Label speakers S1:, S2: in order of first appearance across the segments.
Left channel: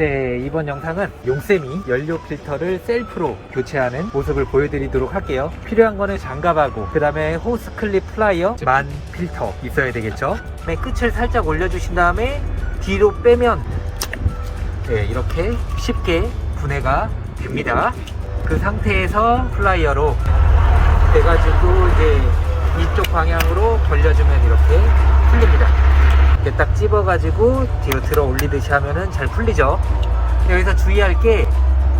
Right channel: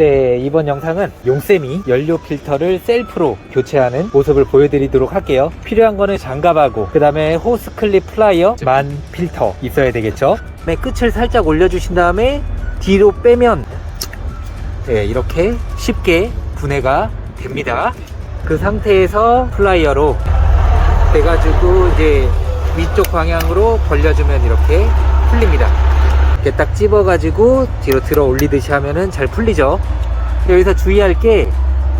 S1: 네, 이번 영상은 용쌤이 연료 필터를 셀프로 교체하는 모습을 보여드리도록 할게요. 필요한 거는 장갑하고, 그 다음에 호스 클립 플라이어, 만 필터 있어야 되겠죠. 네, 끝을 살짝 올려주신 다음에 뒤로 빼면, 네, 이렇게 쉽게 분해가 됩니다. 그 상태에서 플라이어로 돼가지고 이제 위쪽 방향으로 벌려주면 이렇게 풀립니다. 이렇게 딱 집어가지고 뒤로 들어 올리듯이 하면은 잘 풀리죠. 여기서 주의할 게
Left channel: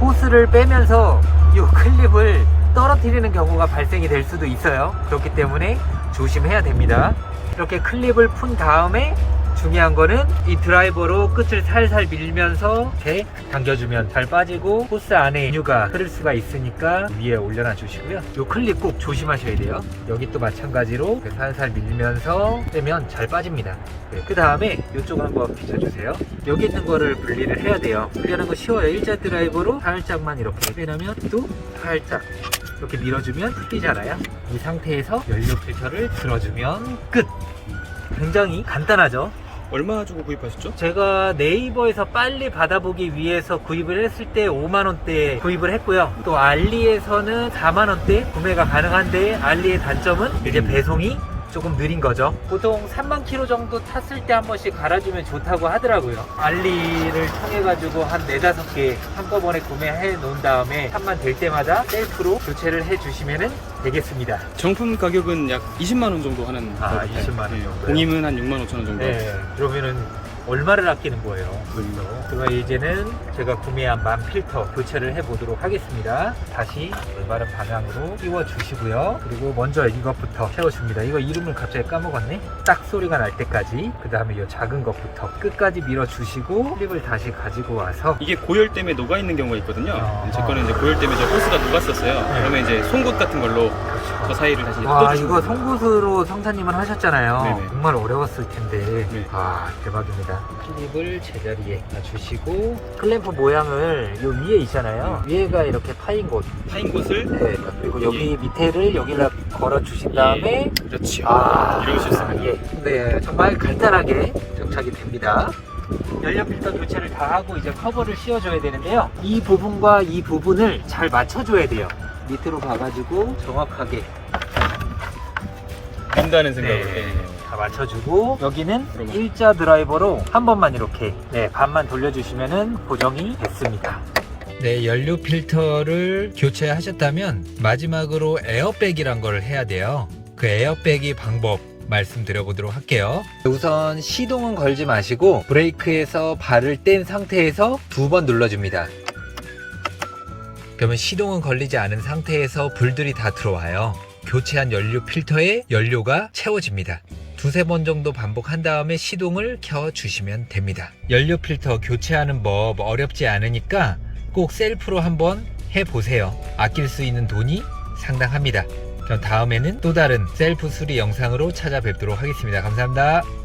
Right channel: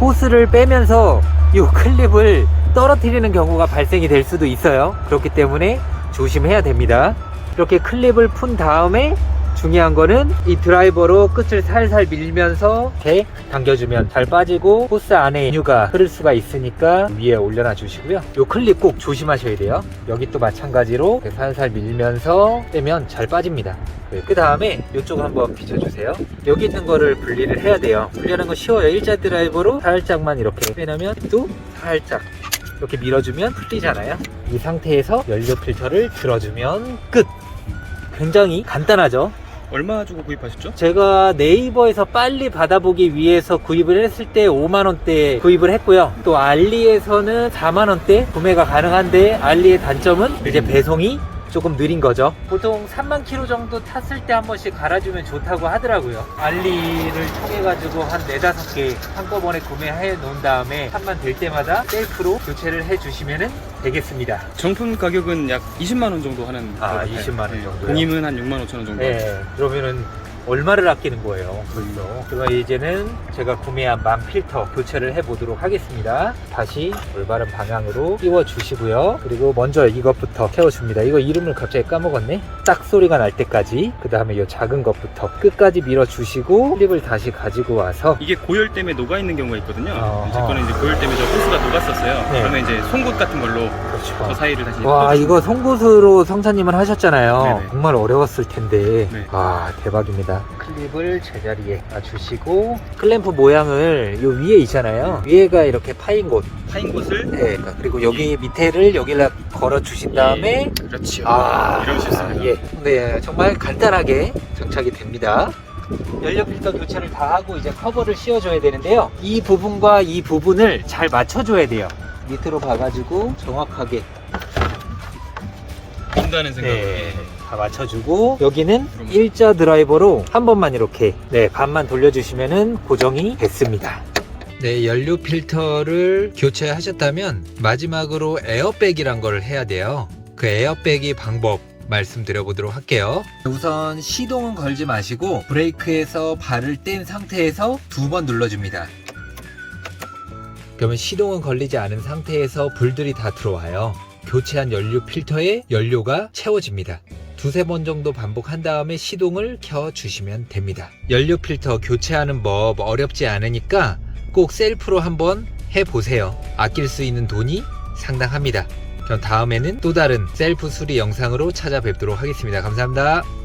S1: 호스를 빼면서 이 클립을 떨어뜨리는 경우가 발생이 될 수도 있어요. 그렇기 때문에 조심해야 됩니다. 이렇게 클립을 푼 다음에 중요한 거는 이 드라이버로 끝을 살살 밀면서 이렇게 당겨주면 잘 빠지고 호스 안에 유가 흐를 수가 있으니까 위에 올려놔 주시고요. 이 클립 꼭 조심하셔야 돼요. 여기 또 마찬가지로 살살 밀면서 빼면 잘 빠집니다. 그 다음에 이쪽 한번 비춰주세요. 여기 있는 거를 분리를 해야 돼요. 분리하는 거 쉬워요. 일자 드라이버로 살짝만 이렇게 빼놓으면 또 살짝 이렇게 밀어주면 풀리잖아요. 이 상태에서 연료 필터를 들어주면 끝! 굉장히 간단하죠?
S2: 얼마 주고 구입하셨죠?
S1: 제가 네이버에서 빨리 받아보기 위해서 구입을 했을 때 5만원대 구입을 했고요. 또 알리에서는 4만원대 구매가 가능한데 알리의 단점은 이제 배송이 조금 느린 거죠. 보통 3만 킬로 정도 탔을 때 한 번씩 갈아주면 좋다고 하더라고요. 알리를 통해 가지고 한 4, 5개 한꺼번에 구매해 놓은 다음에 3만 될 때마다 셀프로 교체를 해 주시면 되겠습니다.
S2: 정품 가격은 약 20만 원 정도 하는
S1: 아,
S2: 것 같아요.
S1: 20만 원
S2: 네,
S1: 정도요?
S2: 공임은 한 6만 5천 원 정도.
S1: 네, 그러면은 얼마를 아끼는 거예요? 그래서 그럼 이제는 제가 구매한 만 필터 교체를 해 보도록 하겠습니다. 다시 올바른 방향으로 끼워 주시고요. 그리고 먼저 이것부터 채워줍니다. 이거 이름을 갑자기 까먹었네. 딱 소리가 날 때까지 그 다음에 이 작은 것부터 끝까지 밀어 주시고 클립을 다시 가지고 와서
S2: 이게 고열 때문에 녹아 있는 경우가 있거든요.
S1: 어,
S2: 제
S1: 어.
S2: 거는 이제 고열 때문에 저 호스가 녹았었어요.
S1: 네.
S2: 그러면 이제 송곳 같은 걸로 저
S1: 그렇죠.
S2: 사이를 다시
S1: 와 이거. 송곳으로 성사님을 하셨잖아요.
S2: 네네.
S1: 정말 어려웠을 텐데
S2: 네.
S1: 와 대박입니다. 클립을 제자리에 놔주시고 클램프 모양을 요 위에 있잖아요. 위에가 이렇게 파인 곳.
S2: 파인 곳을
S1: 네. 그리고 여기 밑에를 여기다 걸어 주신 다음에
S2: 예, 그렇죠.
S1: 아,
S2: 이런 쉽습니다.
S1: 예. 네 정말 간단하게 장착이 됩니다. 연료 필터 교체를 다 하고 이제 커버를 씌워줘야 되는데요. 이 부분과 이 부분을 잘 맞춰줘야 돼요. 밑으로 가가지고 정확하게
S2: 본다는 생각으로.
S1: 네,
S2: 네.
S1: 다 맞춰주고 여기는
S2: 그럼.
S1: 일자 드라이버로 한 번만 이렇게 네 반만 돌려주시면은 고정이 됐습니다. 네, 연료 필터를 교체하셨다면 마지막으로 에어백이란 걸 해야 돼요. 그 에어백이 방법 말씀드려 보도록 할게요. 우선 시동은 걸지 마시고 브레이크에서 발을 뗀 상태에서 두 번 눌러줍니다. 그러면 시동은 걸리지 않은 상태에서 불들이 다 들어와요. 교체한 연료 필터에 연료가 채워집니다. 두세 번 정도 반복한 다음에 시동을 켜 주시면 됩니다. 연료 필터 교체하는 법 어렵지 않으니까 꼭 셀프로 한번 해보세요. 아낄 수 있는 돈이 상당합니다. 그럼 다음에는 또 다른 셀프 수리 영상으로 찾아뵙도록 하겠습니다. 감사합니다.